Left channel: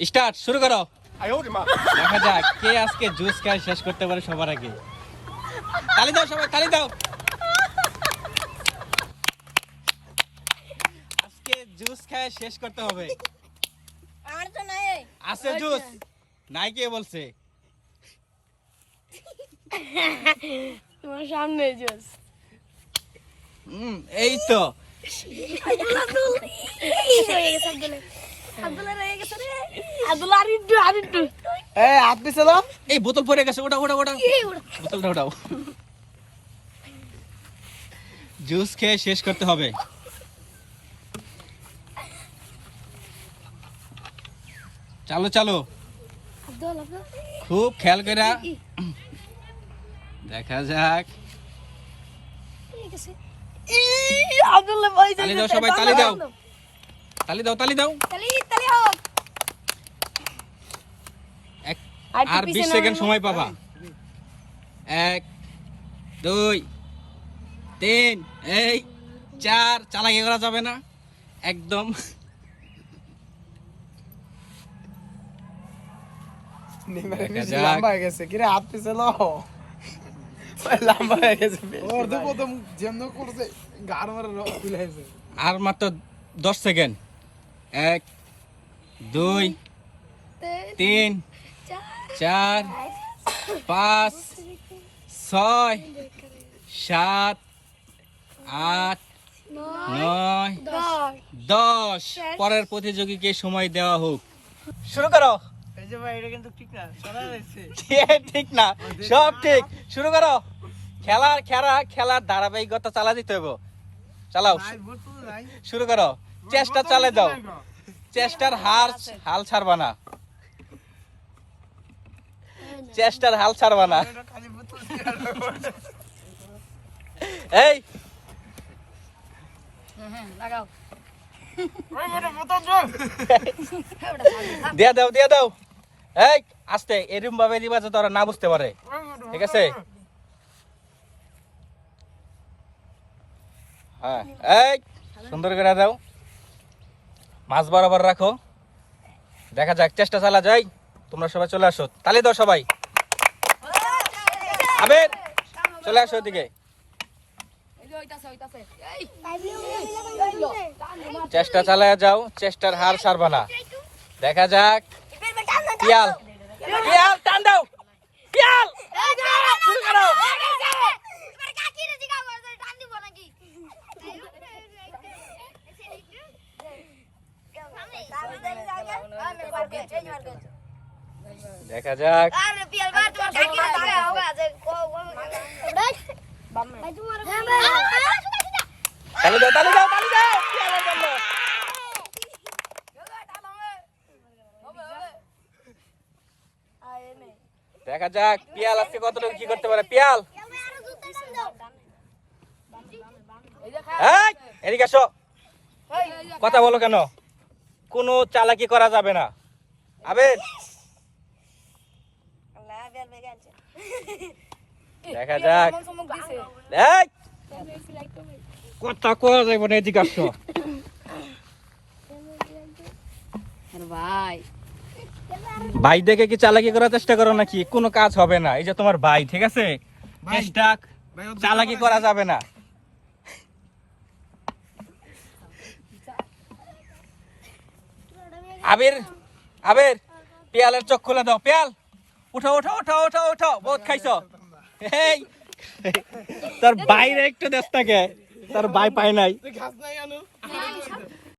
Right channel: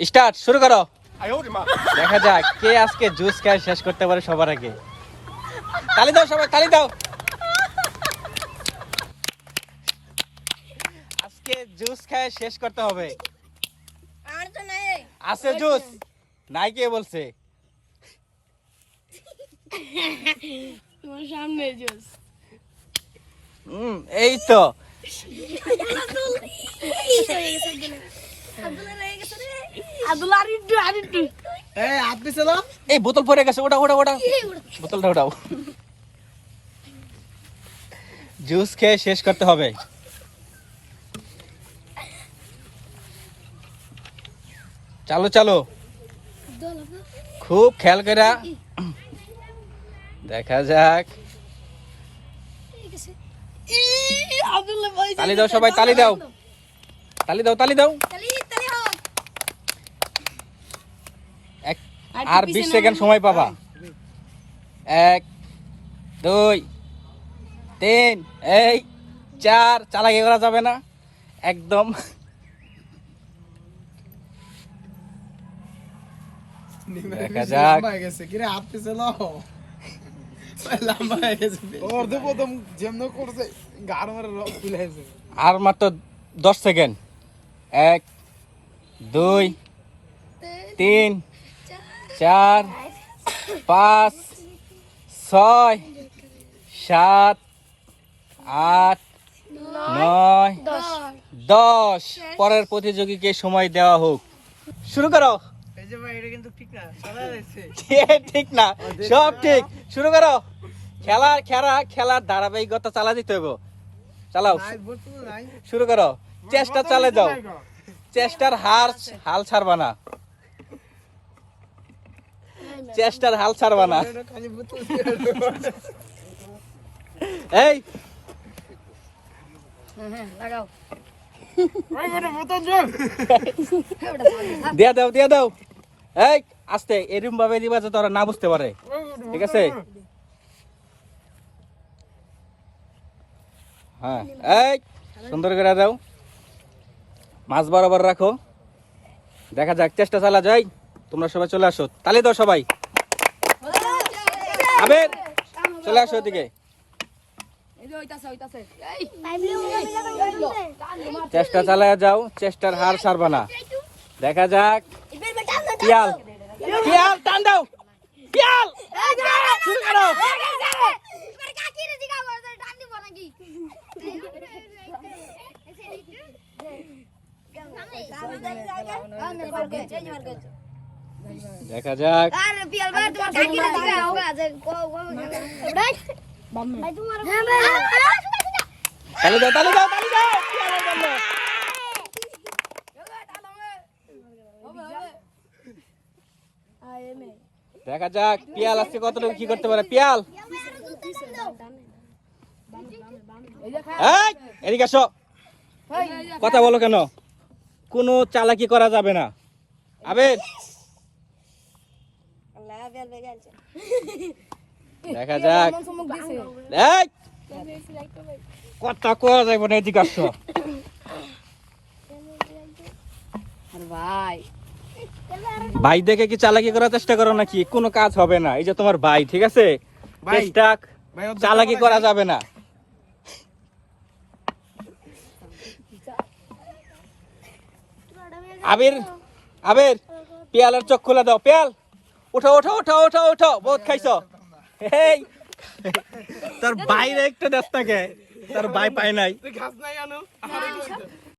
Start শুরু করো। দেখা যাক কে আজকে জুস খায় শেষ করতে পারে সবার আগে। তালি দাও সবাই তালি দাও। আজকে জুস খায় শেষ করতে হবে। আমার তো নাই। আছে জুস নাই কে বলছে এই তো। আব্দুল্লাহ রয়ে গেছে রে। আব্দুল্লাহ আর একটু আর একটু। এই হাত পিছে এই বোতল পড়ে গেছে ওটা ওটা ওটা। বোতলটা ওটাও। জুস খেয়ে শেষ করতে হবে। চালো চালো। খুব খেয়াল করে। দেখা যাক। তালি দাও সবাই, তালি দাও। তালি দাও তালি দাও তালি তালি হোক এক আর বিশ সেকেন্ড সময় পাবা। এক দুই তিন এই চার চালাকি করা যাবে না। একদম। হয়ে হয়ে আর মাত্র দশ সেকেন্ড। এক দুই তিন চার পাঁচ ছয় সাত আট নয় দশ। পরের প্রতিযোগীকে সময় দেওয়া হোক। শুরু করো। ঠিক না সব ঠিক। শুরু করো। খেলা খেলা খেলার ধারাবাহিকতা চালা দিতে হবে চালাও। শুরু করো। চেষ্টা চালে দাও। চেষ্টার হার হাল ছাড়বা না। চেষ্টার হাল ছাড়বা না। এই। হ্যাঁ হ্যাঁ লাগাও। ভাই এটা বোতল জল। ওটা সামনে দিয়া দাও দিয়া দাও। এই আস্তে এরকম ভাবে দিবা যে তোরা না বুঝতে পারে। ঠিক আছে? হ্যাঁ এই সুন্দর করে দাও। মাছ বরাবর রাখো। দেখা যাক চেষ্টা চালা যাই। তোমরা সবাই চলে আসো। তালে দাও সবাই। চলে আসো ওদিকে চেষ্টা চালায় যাও, চেষ্টার হার ছাড়বা না। দেখা যাক। দেখা যাক। পিয়াল আজকে কতটুকু কি করতে পারে। পিয়াল। এই, এদিকে আসো। কথা বলো কেন? কোনো চালাকি করা যাবে না। আবেদ। কথা কোয়া যাবে না এদিকে আসো ভাই। ভাই দেখে কি চালাকি করার চেষ্টা করো নাকি? কোনো কাজ হবে না। এই যে তোমার ভাই ঠিক আছে? চেষ্টা চালাকি করা যাবে না। আবির আবির পিয়ালের চোখ খুলে দাও পিয়াল। উঠো উঠো উঠো উঠো উঠো বহুত খাইছো এই তোর বাইরে একটু দেশ থাকে তোর ভাই পায় নাই ঘাস নাই আনো